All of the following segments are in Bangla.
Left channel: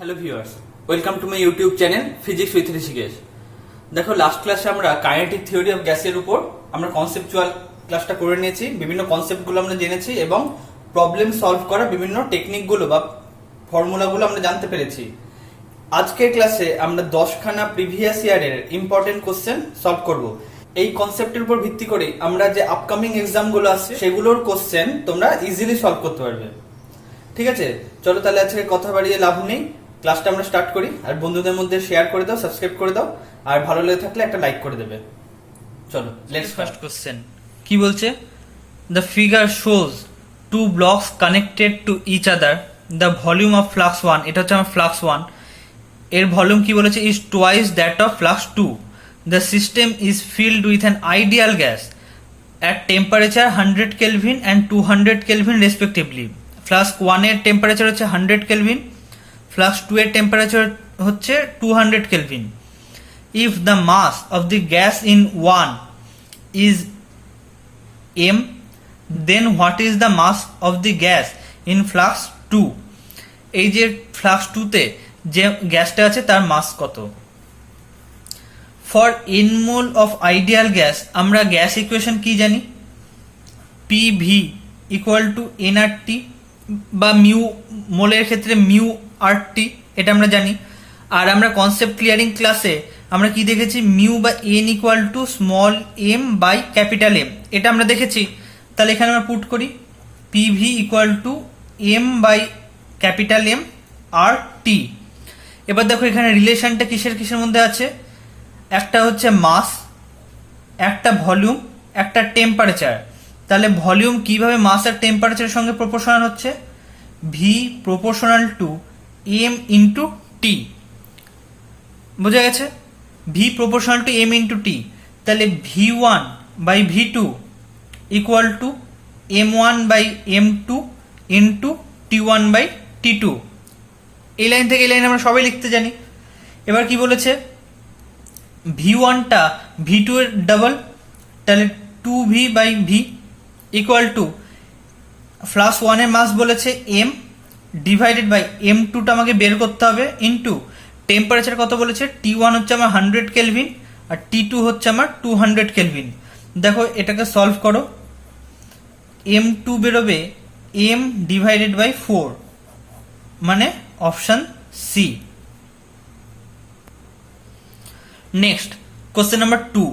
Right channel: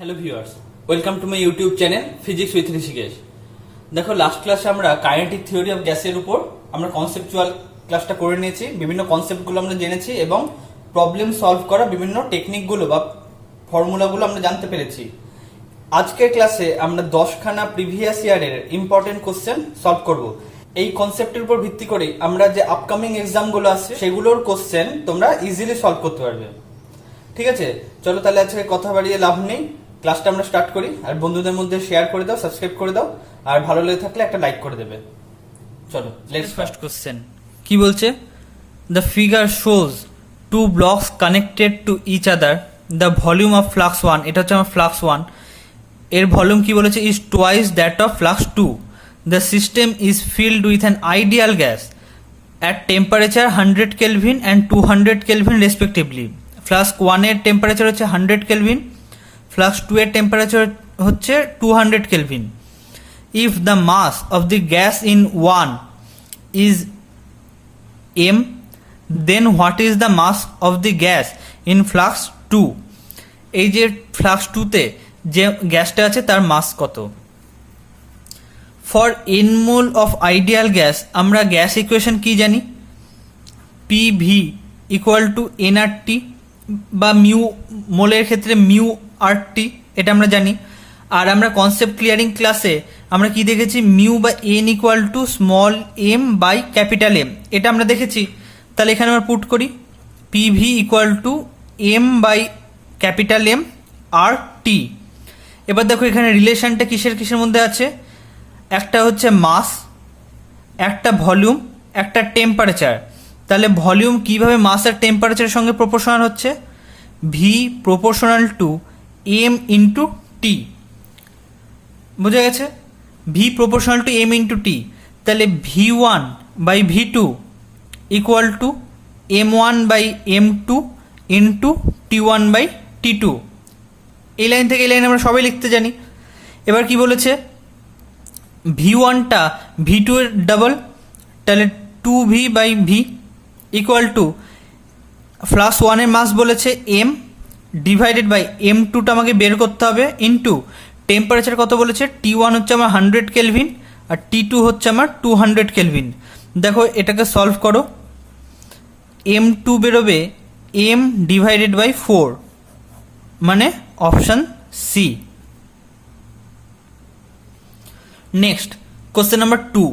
Hello viewers, welcome to my YouTube channel physics with Rishikesh. দেখো, লাস্ট ক্লাসে আমরা কাইনেটিক থিওরি অফ গ্যাসের উপর আমরা কনসেপচুয়াল ক্লাসটা করে নিয়েছি। বিভিন্ন কনসেপ্টগুলো আমরা জেনেছি এবং প্রবলেম সলভ করা বিভিন্ন টেকনিকগুলো বা ফর্মুলাগুলো আমরা জানতে পেরেছি। আজকের ক্লাসে আমরা 10খানা প্রিভিয়াস ইয়ারের ইম্পর্টেন্ট কোশ্চেন সলভ করব। এই কনসেপ্টের উপর ভিত্তি করে আমরা যে আপকামিং এক্সামগুলো আছে সেগুলোর কোশ্চেন তোমরা ইজিলি সলভ করতে পারবে। ঠিক আছে, চলো তাহলে আজকে কথা বাড়িয়ে লাভ নেই, ক্লাসটা আমরা স্টার্ট করি। আর বন্ধুদের মধ্যে শেয়ার করে দাও, সাবস্ক্রাইব করে দাও, আর ভালো লেগে থাকলে একটা লাইক করে দেবে। চলো, লেটস ফার্স্ট কোশ্চেন। কি বলছে? The figure shows two blocks connected to each other, the volume of flask 1, এটা হচ্ছে আমার ফ্লাক্স 1, এর ভলিউম কি বলেছে? Is twice that of flask 2. The system is filled with an ideal gas at temperature 100 Kelvin and 200 Kelvin respectively. Flask 1 এর টেম্পারেচার হচ্ছে 100 কেলভিন, ফ্লাস্ক 2 এর টেম্পারেচার হচ্ছে 200 Kelvin. If the mass of the gas in 1 is m, then what is the mass of the gas in flask 2? এই যে ফ্লাক্স 2 তে যে গ্যাসটা আছে তার মাস কত? For n mole of ideal gas আমরা গ্যাস ইকুয়েশন কি জানি? PV ইকুয়াল টু nRT বা মিউ, মোলের ক্ষেত্রে মিউ RT, এটা আমরা জানি। আর আমরা কনসেপ্ট ক্লিয়ারিং ক্লাসে আমরা কি দেখেছি? মিউ বা n equal to small m by capital M, এটা আমরা দেখেছি। তাহলে এখানে আমরা পুট করি PV equal to m by capital M RT। এবার দেখো এখানে রিলেশনটা কিসের কিসের মধ্যে আছে? একটা হচ্ছে মাস, একটা ভলিউম, একটা টেম্পারেচার। তাহলে ভলিউম কিভাবে মাস আর টেম্পারেচারের সঙ্গে প্রপোর্শনাল হচ্ছে? V proportional to M into T. বোঝা গেছে? V proportional to M into T. তাহলে V1 by V2 equal to M1 by M2 into T1 by T2। এই লাইন থেকে এই লাইন আমরা সবাই লিখতে জানি। এবার কি বলেছে? V1টা V2 এর ডাবল, তাহলে 2V by V equal to flask 1 এর মাস বলেছে M ডিভাইডেড বাই M2টা আমাকে বের করতে হবে ইন্টু টেম্পারেচার কত বলেছে? T1 হচ্ছে আমার 100 কেলভিন আর T2 হচ্ছে আমার 200 কেলভিন। দেখো এটাকে সলভ করো, M2 বেরোবে M ডিভাইডেড বাই 4, মানে option C. Next, question number 2.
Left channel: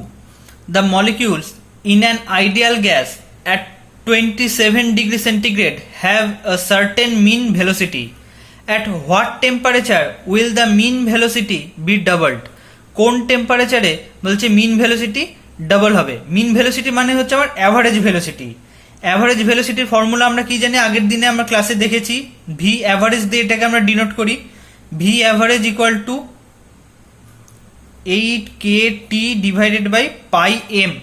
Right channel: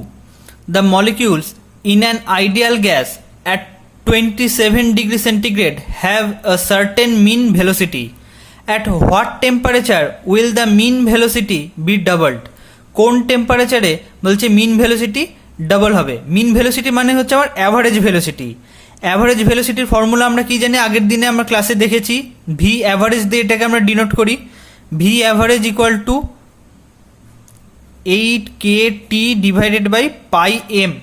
The molecules in an ideal gas at 27 degrees centigrade have a certain mean velocity. At what temperature will the mean velocity be doubled? কোন টেম্পারেচারে বলছে মিন ভেলোসিটি ডাবল হবে? মিন ভেলোসিটি মানে হচ্ছে আমার অ্যাভারেজ ভেলোসিটি। অ্যাভারেজ ভেলোসিটির ফর্মুলা আমরা কি জানি? আগের দিনে আমরা ক্লাসে দেখেছি। ভি অ্যাভারেজ দিয়ে এটাকে আমরা ডিনোট করি। V average equal to 8kT divided by pi M.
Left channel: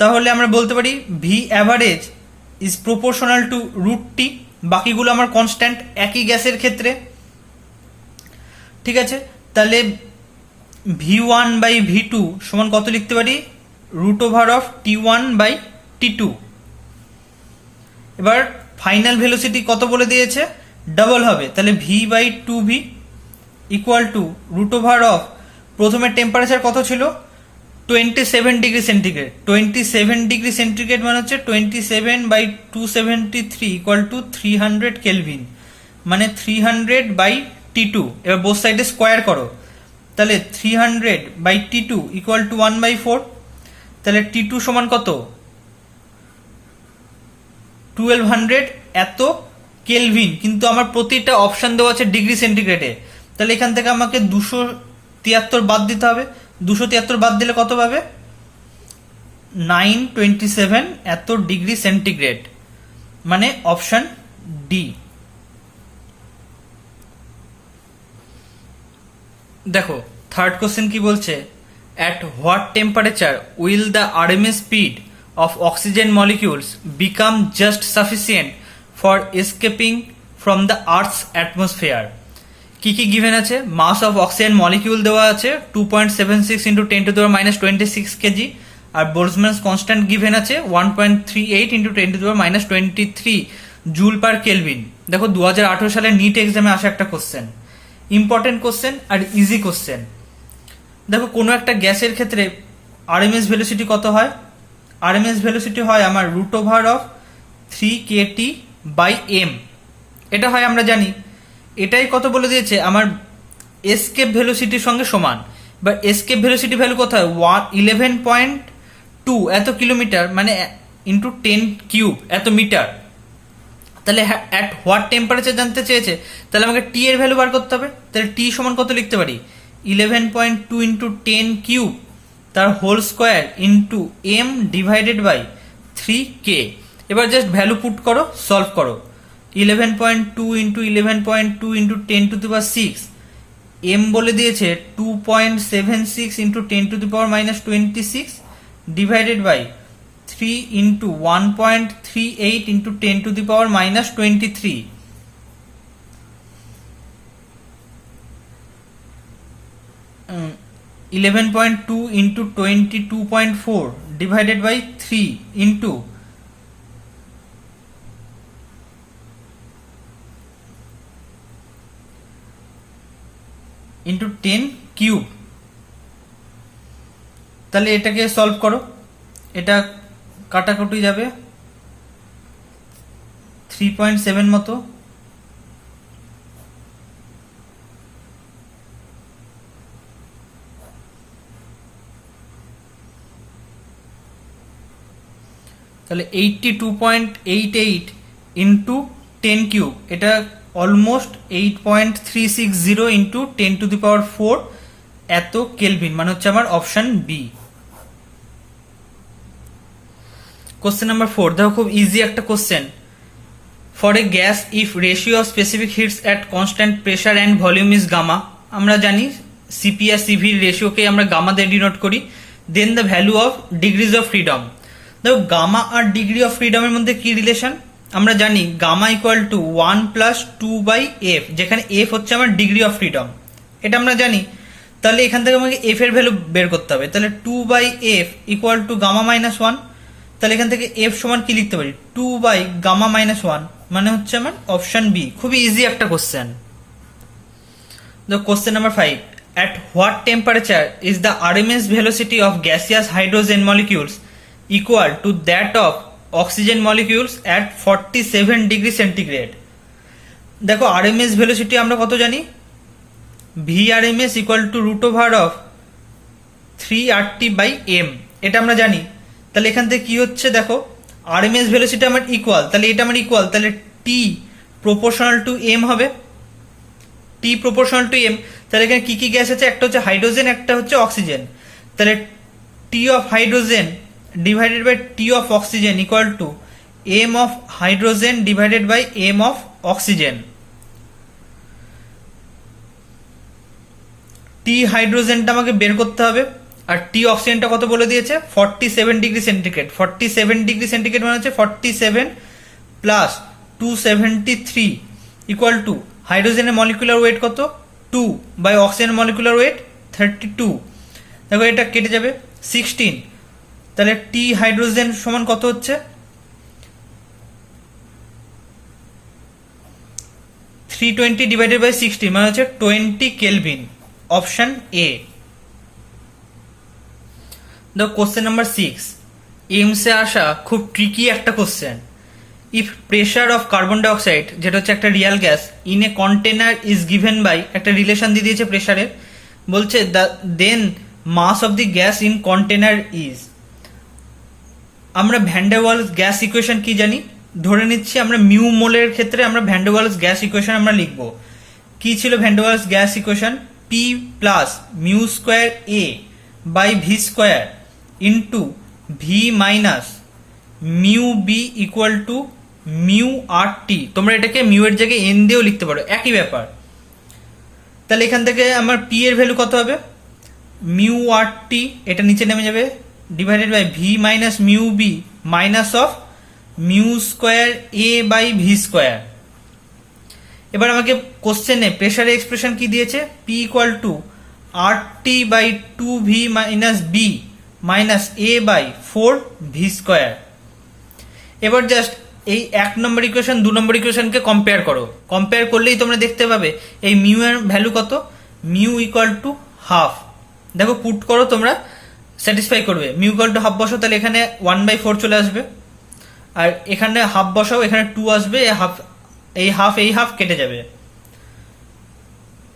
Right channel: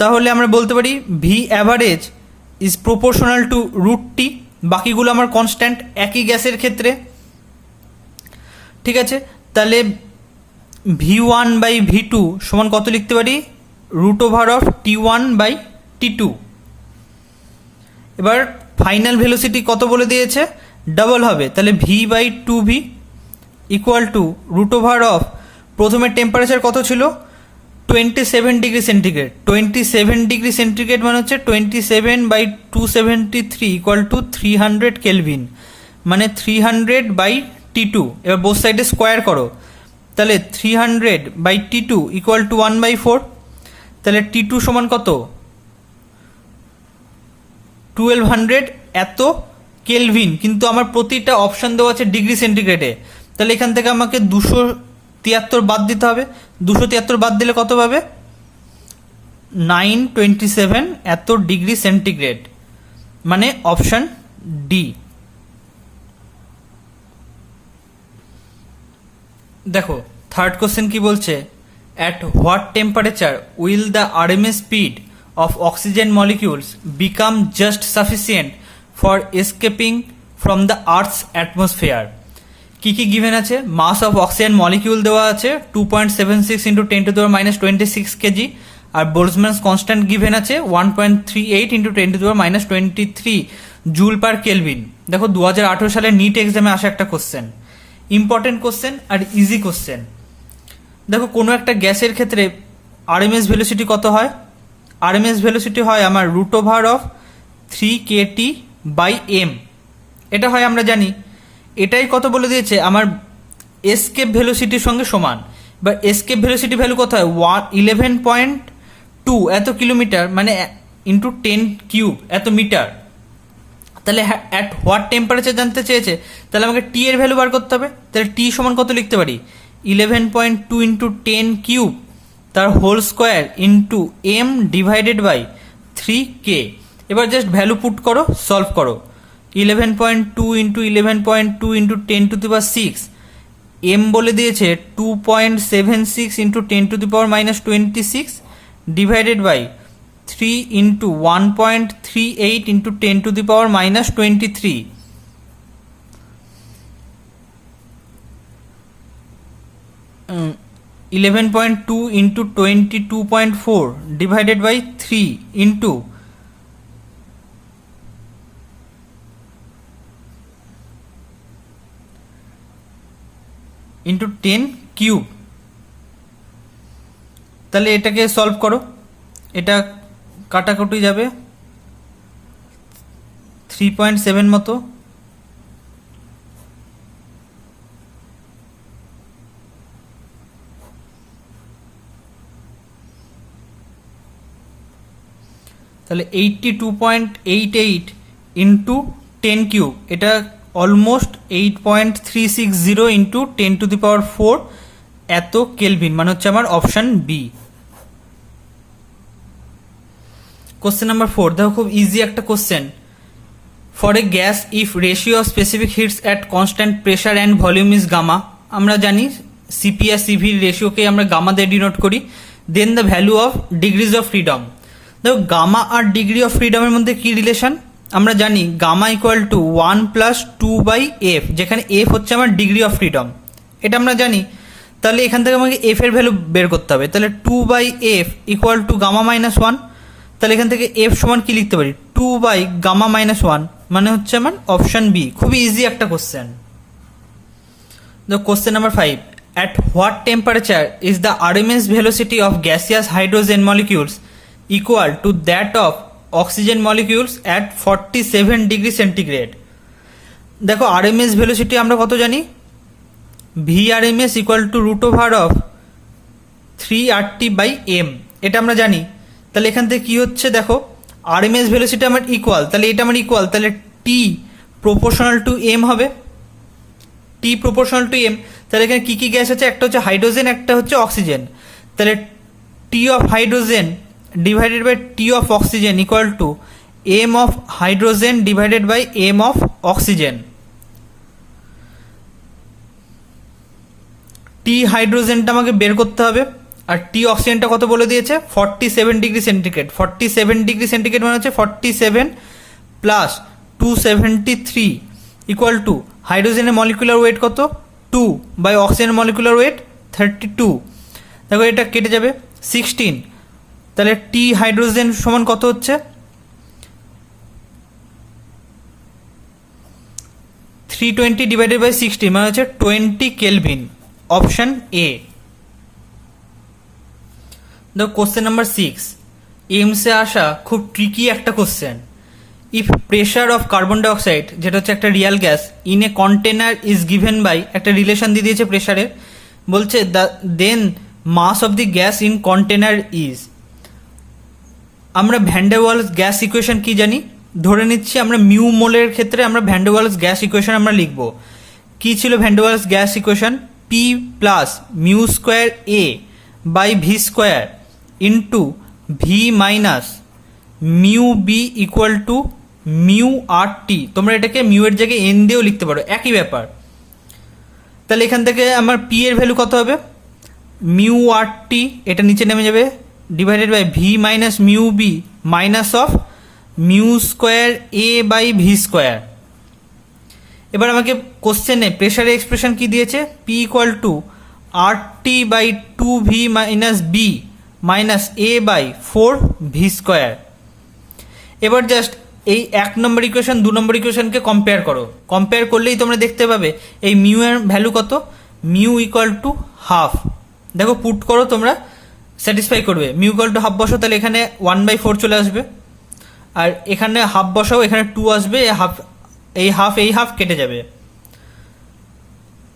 তাহলে আমরা বলতে পারি V average is proportional to root T. বাকিগুলো আমার কনস্ট্যান্ট একই গ্যাসের ক্ষেত্রে। ঠিক আছে, তাহলে V1 বাই V2 সমান কত লিখতে পারি? Root over of T1 by T2। এবার ফাইনাল ভেলোসিটি কত বলে দিয়েছে? ডাবল হবে, তাহলে V by 2V equal to root over of, প্রথমে টেম্পারেচার কত ছিল? 27 ডিগ্রি সেন্টিগ্রেড। 27 ডিগ্রি সেন্টিগ্রেড মানে হচ্ছে 27 বাই 273 ইকুয়াল টু 300 কেলভিন, মানে 300 বাই T2। এবার বোথ সাইডে স্কোয়ার করো, তাহলে 300 বাই T2 ইকুয়াল টু 1/4। তাহলে T2 সমান কত? 1200 এত কেলভিন, কিন্তু আমার প্রতিটা অপশন দেওয়া আছে ডিগ্রি সেন্টিগ্রেডে। তাহলে এখান থেকে আমাকে 273 বাদ দিতে হবে। 273 বাদ দিলে কত পাবে? 927 এত ডিগ্রি সেন্টিগ্রেড, মানে অপশন ডি। দেখো থার্ড কোশ্চেন কি বলছে? At what temperature will the RMS speed of oxygen molecules become just sufficient for escaping from the earth's atmosphere? কি কি গিভেন আছে? মাস অফ অক্সিজেন মলিকিউল দেওয়া আছে 2.76 ইন্টু 10⁻26 কেজি, আর বোলজম্যানস কনস্ট্যান্ট গিভেন আছে 1.38 ইন্টু 10⁻23 জুল পার কেলভিন। দেখো 2018 সালের নিট এক্সামে আসা একটা কোশ্চেন, ইম্পর্টেন্ট কোশ্চেন আর ইজি কোশ্চেন। দেখো কোনো একটা গ্যাসের ক্ষেত্রে আরএমএস ভেলোসিটি কত হয়? আরএমএস ভেলোসিটি হয় আমার √3kT/m। এটা হয় আমরা জানি। এটাই কত বলে দিয়েছে আমার এসকেপ ভেলোসিটির সঙ্গে সমান। বা এসকেপ ভেলোসিটি ভ্যালু কত হয়? 11.2 এত কিলোমিটার, মানে ইন্টু 10 কিউব এত মিটার। তাহলে অ্যাট হোয়াট টেম্পারেচার জানতে চেয়েছে, তাহলে আমাকে টি এর ভ্যালু বার করতে হবে। তাহলে টি সমান কত লিখতে পারি? 11.2 ইন্টু 10 কিউব তার whole square into M divided by 3k। এবার জাস্ট ভ্যালু পুট করো, সলভ করো। 11.2 ইন্টু 11.2 ইন্টু 10⁻6, এম বলে দিয়েছে 2.76 into 10⁻⁻26 divided by 3 into 1.38 into 10⁻⁻23। 11.2 into 22.4 divided by 3 into 10 cube. তাহলে এটাকে সলভ করো, এটা কাটাকুটি যাবে 3.7 মতো। তাহলে 82.88 ইন্টু 10 কিউব, এটা অলমোস্ট 8.360 ইন্টু 10⁴ এত কেলভিন, মানে হচ্ছে আমার অপশন বি। কোশ্চেন নাম্বার 4, দেখো খুব ইজি একটা question. For a gas if ratio of specific heats at constant pressure and volume is gamma, আমরা জানি সিপি আর সিভির রেশিওকে আমরা গামা দিয়ে ডিনোট করি। Then the value of degrees of freedom. দেখো গামা আর ডিগ্রি অফ ফ্রিডমের মধ্যে কি রিলেশন? আমরা জানি গামা ইকুয়াল টু 1 + 2/f, যেখানে f হচ্ছে আমার ডিগ্রি অফ ফ্রিডম, এটা আমরা জানি। তাহলে এখান থেকে আমাকে f এর ভ্যালু বের করতে হবে। তাহলে 2/f equal to gamma minus 1। তাহলে এখান থেকে f সমান কি লিখতে পারি? 2/গামা মাইনাস 1, মানে হচ্ছে আমার অপশন বি। খুবই ইজি একটা question. Question number 5, at what temperature is the RMS velocity of gaseous hydrogen molecules equal to that of oxygen molecules at 47 degree centigrade? দেখো আরএমএস ভেলোসিটি আমরা কত জানি? VRMS ইকুয়াল টু √3RT/m, এটা আমরা জানি। তাহলে এখান থেকে কি হচ্ছে? দেখো আরএমএস ভেলোসিটি আমার ইকুয়াল, তাহলে এটা আমার ইকুয়াল, তাহলে টি প্রপোর্শনাল টু এম হবে। টি প্রপোর্শনাল টু এম, তাহলে এখানে কি কি গ্যাস আছে? একটা হচ্ছে হাইড্রোজেন, একটা হচ্ছে অক্সিজেন। তাহলে T of hydrogen divided by T of oxygen equal to M of hydrogen divided by M of oxygen. T হাইড্রোজেনটা আমাকে বের করতে হবে, আর টি অক্সিজেনটা কত বলে দিয়েছে? 47 ডিগ্রি সেন্টিগ্রেড। 47 ডিগ্রি সেন্টিগ্রেড মানে হচ্ছে 47 প্লাস 273 ইকুয়াল টু হাইড্রোজেনের মলিকুলার ওয়েট কত? 2 বাই অক্সিজেনের মলিকুলার ওয়েট 32। দেখো এটা কেটে যাবে 16। তাহলে টি হাইড্রোজেন সমান কত হচ্ছে? 320 ডিভাইডেড বাই 60, মানে হচ্ছে 20 কেলভিন। Option A. দেখো কোশ্চেন নাম্বার 6, এমসে আসা খুব ট্রিকি একটা question. If pressure of carbon dioxide, যেটা হচ্ছে একটা real gas, in a container is given by, একটা রিলেশন দিয়ে দিয়েছে প্রেশারের, বলছে then mass of the gas in container is. আমরা van der Waals gas equation কি জানি? ধরে নিচ্ছি আমরা মিউ মোলের ক্ষেত্রে আমরা van der Waals gas equation আমরা লিখব। কি ছিল van der Waals gas equation? P plus mu square A by V square into V minus mu B equal to mu R T. তোমরা এটাকে মিউ এর জায়গায় এন দিয়েও লিখতে পারো, একই ব্যাপার। তাহলে এখান থেকে আমার পি এর ভ্যালু কত হবে? মিউ আর টি, এটা নিচে নেমে যাবে, divided by V minus mu B minus of mu square A by V square. এবার আমাকে কোশ্চেনে প্রেশারের এক্সপ্রেশন কি দিয়েছে? P equal to R T by 2v minus B minus A by 4 V square. এবার জাস্ট এই 1 নম্বর ইকুয়েশন 2 নম্বর ইকুয়েশনকে কম্পেয়ার করো, কম্পেয়ার করলেই তোমরা দেখতে পাবে এই মিউ এর ভ্যালু কত, মিউ ইকুয়াল টু হাফ। দেখো পুট করো, তোমরা স্যাটিসফাই করবে। মিউ ইকুয়াল টু হাফ বসাও, তাহলে এখানে 1/4 চলে আসবে, আর এখানে হাফ বসাও, এখানে 2 আসবে, এই হাফ কেটে যাবে।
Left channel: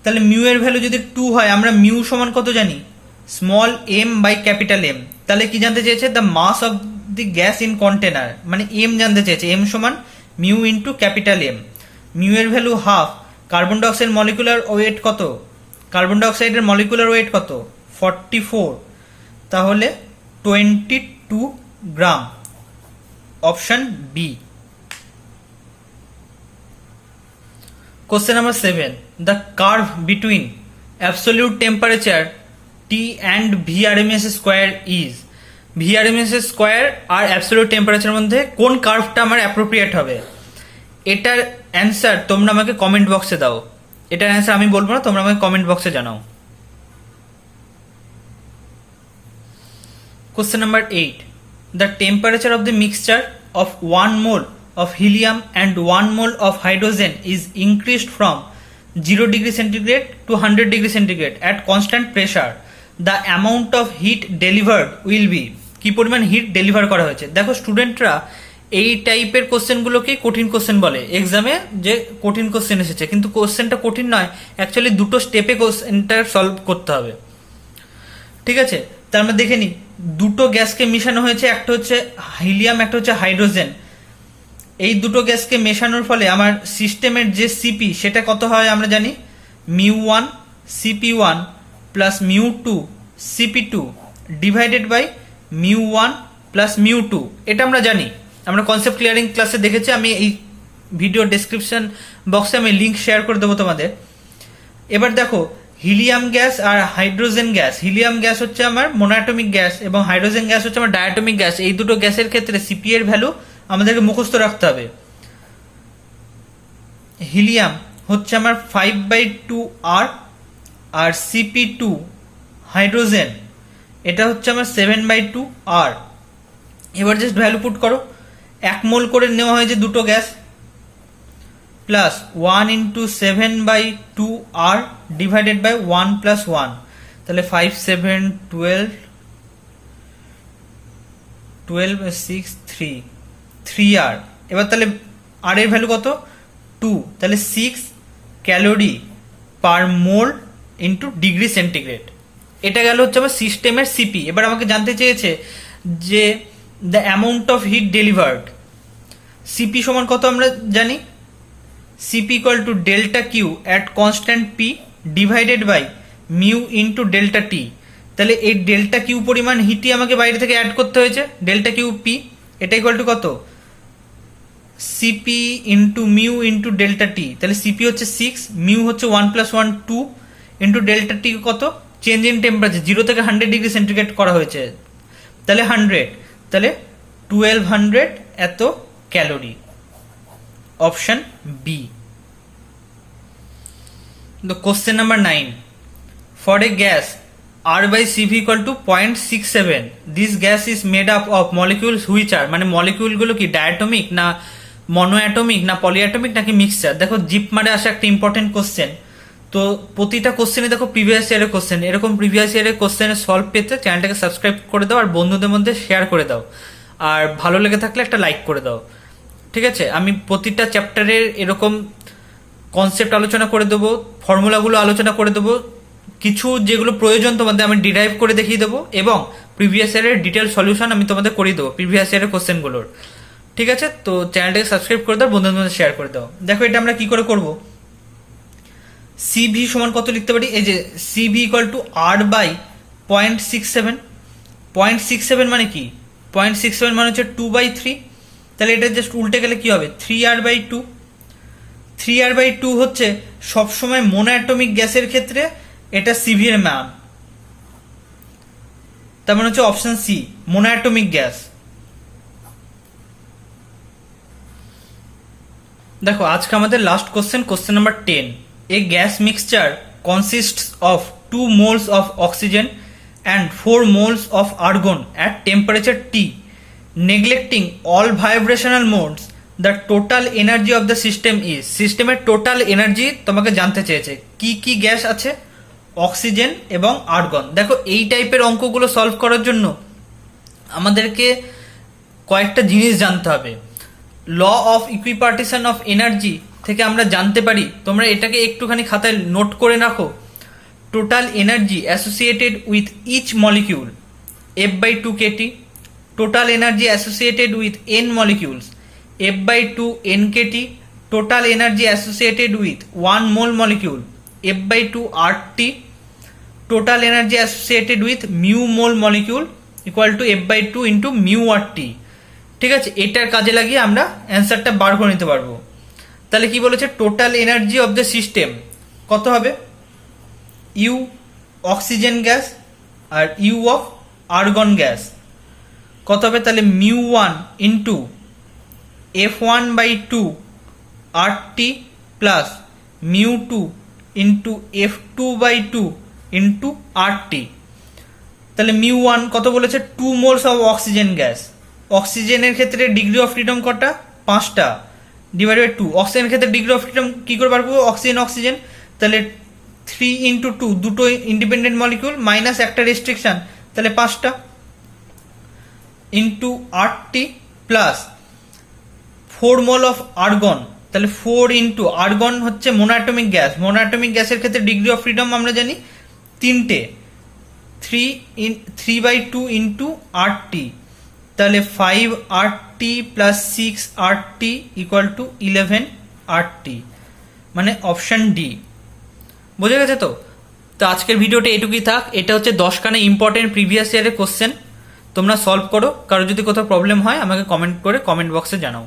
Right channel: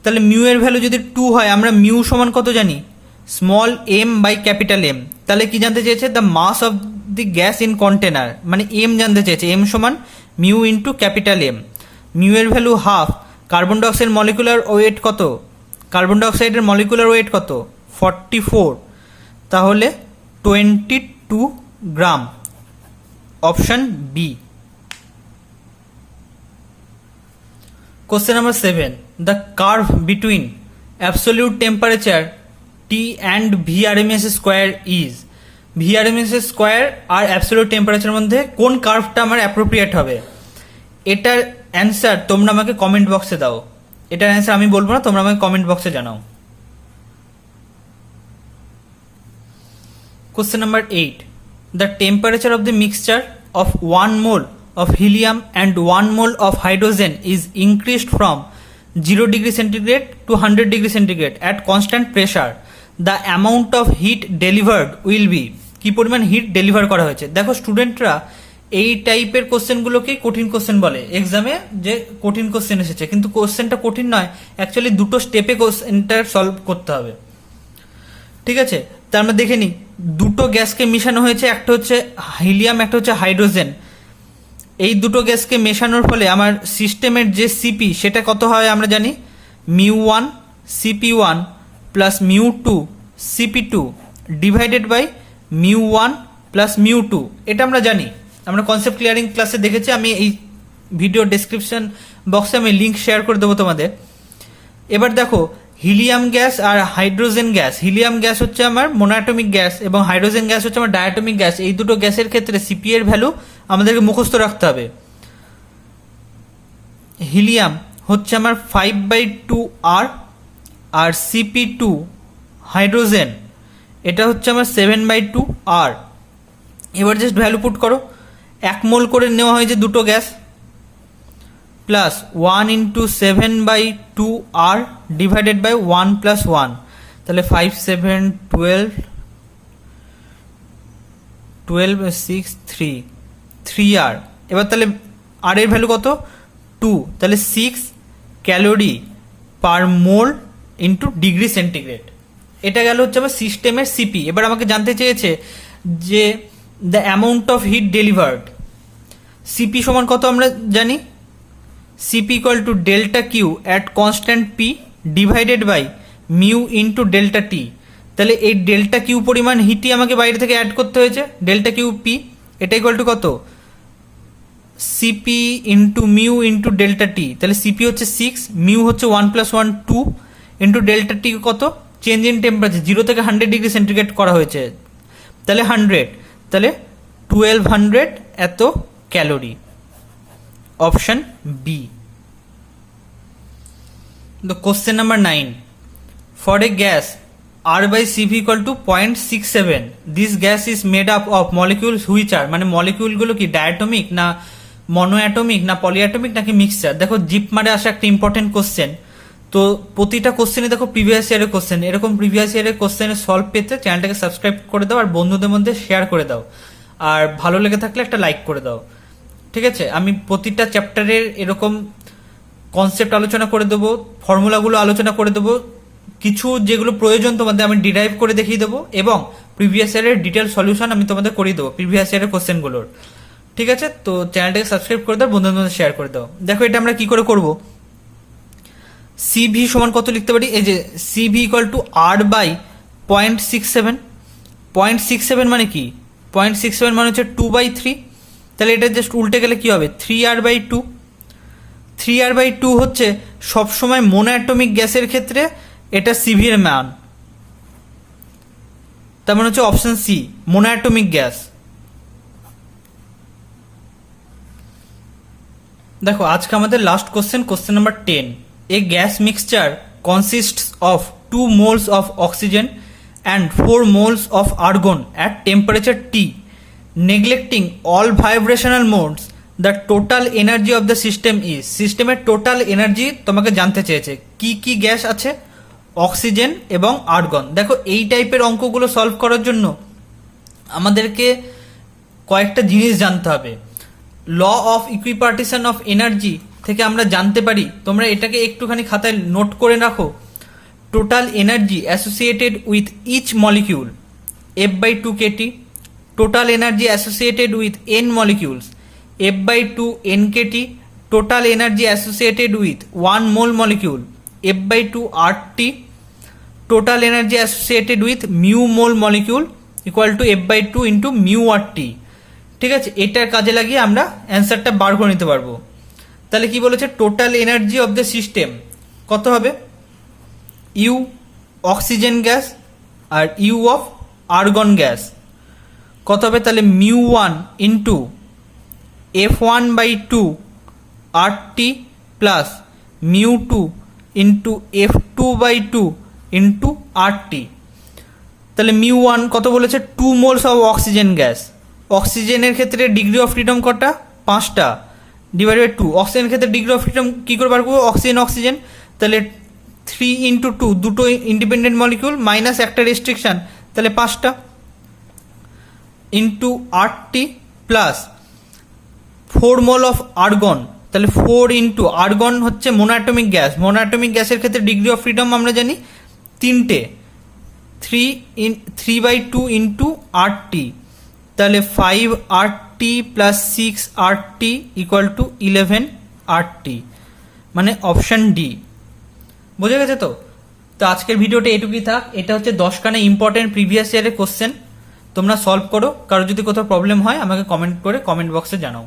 তাহলে মিউ এর ভ্যালু যদি 2 হয়, আমরা মিউ সমান কত জানি, small M by capital M. তাহলে কি জানতে চেয়েছে, the mass of the gas in container, মানে এম জানতে চেয়েছে। এম সমান mu into capital M. Mu এর value half. Carbon dioxide molecular weight কত, কার্বন ডাইঅক্সাইডের মলিকুলার ওয়েট কত, 44, তাহলে 22 gram. Option B. Question number 7. The curve between absolute temperature T and VRMS square is, VRMS square আর absolute temperature মধ্যে কোন কার্ভটা আমার অ্যাপ্রোপ্রিয়েট হবে? এটার অ্যান্সার তোমরা আমাকে কমেন্ট বক্সে দাও। এটার অ্যান্সার আমি বলবো না, তোমরা আমাকে কমেন্ট বক্সে জানাও। Question number 8. The temperature of the mixture of 1 mole of helium and 1 mole of hydrogen is increased from 0 degree centigrade to 100 degree centigrade at constant pressure. The amount of heat delivered will be, কি পরিমাণ হিট ডেলিভার করা হয়েছে। দেখো স্টুডেন্টরা এই টাইপের কোশ্চেনগুলোকে কঠিন কোশ্চেন বলে, এক্সামে যে কঠিন কোশ্চেন এসেছে, কিন্তু কোশ্চেনটা কঠিন নয়, অ্যাকচুয়ালি দুটো স্টেপে কোশ্চেনটা সলভ করতে হবে। ঠিক আছে, তার আমরা দেখে নিই। দুটো গ্যাসকে মিশানো হয়েছে, একটা হচ্ছে হিলিয়াম, একটা হচ্ছে হাইড্রোজেন। এই দুটো গ্যাসকে মেশানোর ফলে আমার সিস্টেমের যে সিপি সেটা কত হয় আমরা জানি, μ1 cp1 plus μ2 cp2 divided by μ1 plus μ2। এটা আমরা জানি, আমরা কনসেপ্ট ক্লিয়ারিং ক্লাসে দেখেছি। আমি এই ভিডিও ডেসক্রিপশন বক্সে আমি লিঙ্ক শেয়ার করে দেবো তোমাদের। এবার দেখো হিলিয়াম গ্যাস আর হাইড্রোজেন গ্যাস, হিলিয়াম গ্যাস হচ্ছে আমার মোনোঅ্যাটমিক গ্যাস এবং হাইড্রোজেন গ্যাস হচ্ছে আমার ডায়াটমিক গ্যাস। এই দুটো গ্যাসের ক্ষেত্রে সিপি এর ভ্যালু আমাদেরকে মুখস্থ রাখতে হবে। হিলিয়াম হচ্ছে আমার 5/2 আর, আর cp2 হাইড্রোজেন এটা হচ্ছে আমার 7/2 আর। এবার জাস্ট ভ্যালু পুট করো, 1 মোল করে নেওয়া হয়েছে দুটো গ্যাস, প্লাস 1 ইন্টু 7/2 আর ডিভাইডেড বাই 1 প্লাস 1, তাহলে 5 7 12 12 6 3 আর। এবার তাহলে আর এর ভ্যালু কত, 2, তাহলে 6 ক্যালোরি পার মোল ইন্টু ডিগ্রি সেন্টিগ্রেড। এটা গেল হচ্ছে আমার সিস্টেমের সিপি। এবার আমাকে জানতে চেয়েছে যে the amount of heat delivered. CP সমান কত আমরা জানি, CP equal to delta Q at constant P divided by mu into delta T. তাহলে এই ডেল্টা কিউ পরিমাণ হিটই আমাকে বাইরে থেকে অ্যাড করতে হয়েছে, ডেল্টা কিউ পি। এটা ইকুয়াল টু কত, CP into mu into delta T. তাহলে সিপি হচ্ছে 6, মিউ হচ্ছে 1 প্লাস 1 2 ইন্টু ডেল্টা টি কত, চেঞ্জ ইন টেম্পারেচার 0 থেকে 100 ডিগ্রি সেন্টিগ্রেড করা হয়েছে, তাহলে 100, তাহলে 1200 এত calorie. Option B. The question number 9. For a gas R by Cv equal to 0.67, this gas is made up of molecules which are, মানে মলিকিউল গুলো কি ডায়াটমিক না মনোঅ্যাটমিক না পলিঅ্যাটমিক নাকি মিক্সচার। দেখো জিপ মারে আসা একটা ইম্পর্টেন্ট কোশ্চেন। তো প্রতিটা কোশ্চেনে দেখো প্রিভিয়াস ইয়ারের কোশ্চেন, এরকম প্রিভিয়াস ইয়ারের কোশ্চেনের সলভ পেতে চ্যানেলটাকে সাবস্ক্রাইব করে দাও আর বন্ধুদের মধ্যে শেয়ার করে দাও, আর ভালো লেগে থাকলে একটা লাইক করে দাও। ঠিক আছে, আমি প্রতিটা চ্যাপ্টারের এরকম কনসেপ্ট আলোচনা করে দেবো, ফর্মুলাগুলো আলোচনা করে দেবো, কিছু যেগুলো প্রয়োজন তোমাদের আমি ডিরাইভ করে দেখিয়ে দেবো, এবং প্রিভিয়াস ইয়ারের ডিটেল সলিউশন আমি তোমাদের করিয়ে দেবো প্রিভিয়াস ইয়ারের কোশ্চেনগুলোর। ঠিক আছে, তো চ্যানেলটাকে সাবস্ক্রাইব করে দাও, বন্ধুদের মধ্যে শেয়ার করে দাও। দেখো এটা আমরা কি করে করবো, সিভি সমান কত লিখতে পারি, এই যে C V equal to R by 0.67। 0.67 মানে কি, 0.67 মানে হচ্ছে 2/3। তাহলে এটা জাস্ট উল্টে গেলে কি হবে, 3r/2। 3r/2 হচ্ছে সবসময় মোনোঅ্যাটমিক গ্যাসের ক্ষেত্রে এটা সিভি এর মান, তার মানে হচ্ছে অপশন সি মোনোঅ্যাটমিক গ্যাস। দেখো আজকে আমাদের last question, question number 10। A gas mixture consists of 2 moles of oxygen and 4 moles of argon at temperature T. Neglecting all vibrational modes, the total energy of the system is, সিস্টেমের টোটাল এনার্জি তোমাকে জানতে চেয়েছে। কি কি গ্যাস আছে? অক্সিজেন এবং আর্গন। দেখো এই টাইপের অঙ্কগুলো সলভ করার জন্য আমাদেরকে কয়েকটা জিনিস জানতে হবে। ল অফ ইকুইপার্টিশন অফ এনার্জি থেকে আমরা জানতে পারি, তোমরা এটাকে একটুখানি খাতায় নোট করে রাখো, total energy associated with each molecule F/2 kT, total energy associated with n molecules F/2 nkT, total energy associated with 1 mole molecule F/2 RT, total energy associated with mu mole molecule equal to F/2 into mu RT। ঠিক আছে, এটার কাজে লাগিয়ে আমরা অ্যান্সারটা বার করে নিতে পারবো। তাহলে কি বলেছে, total energy of the system কত হবে? ইউ অক্সিজেন গ্যাস আর ইউ অফ আর্গন গ্যাস কত হবে? তাহলে μ1 into F1/2 RT plus μ2 into F2/2 into RT। তাহলে μ1 কত বলেছে? 2 মোলস অফ অক্সিজেন গ্যাস। অক্সিজেনের ক্ষেত্রে ডিগ্রি অফ ফ্রিডম কটা? 5টা ডিভাইড বাই 2। অক্সিজেনের ক্ষেত্রে ডিগ্রি অফ ফ্রিডম কি করে বার করবো? অক্সিজেন অক্সিজেন, তাহলে 3 ইন্টু 2, দুটো ইন্ডিপেন্ডেন্ট মলিকিউল মাইনাস একটা রেস্ট্রিকশন, তাহলে 5টা into RT plus 4 mole of argon, তাহলে 4 ইন্টু আর্গন হচ্ছে মোনোঅ্যাটমিক গ্যাস। মোনোঅ্যাটমিক গ্যাসের ক্ষেত্রে ডিগ্রি অফ ফ্রিডম আমরা জানি 3টে, 3/2 ইন্টু RT, তাহলে 5 RT plus 6 RT equal to 11 RT, মানে অপশন ডি। বোঝা গেছে তো? তো আজকের ভিডিওটা এটুকুই থাক। এটা হচ্ছে 10খানা ইম্পর্টেন্ট প্রিভিয়াস ইয়ারের কোশ্চেন, তোমরা সলভ করো। কারো যদি কোথাও প্রবলেম হয় আমাকে কমেন্ট করে কমেন্ট বক্সে জানাও।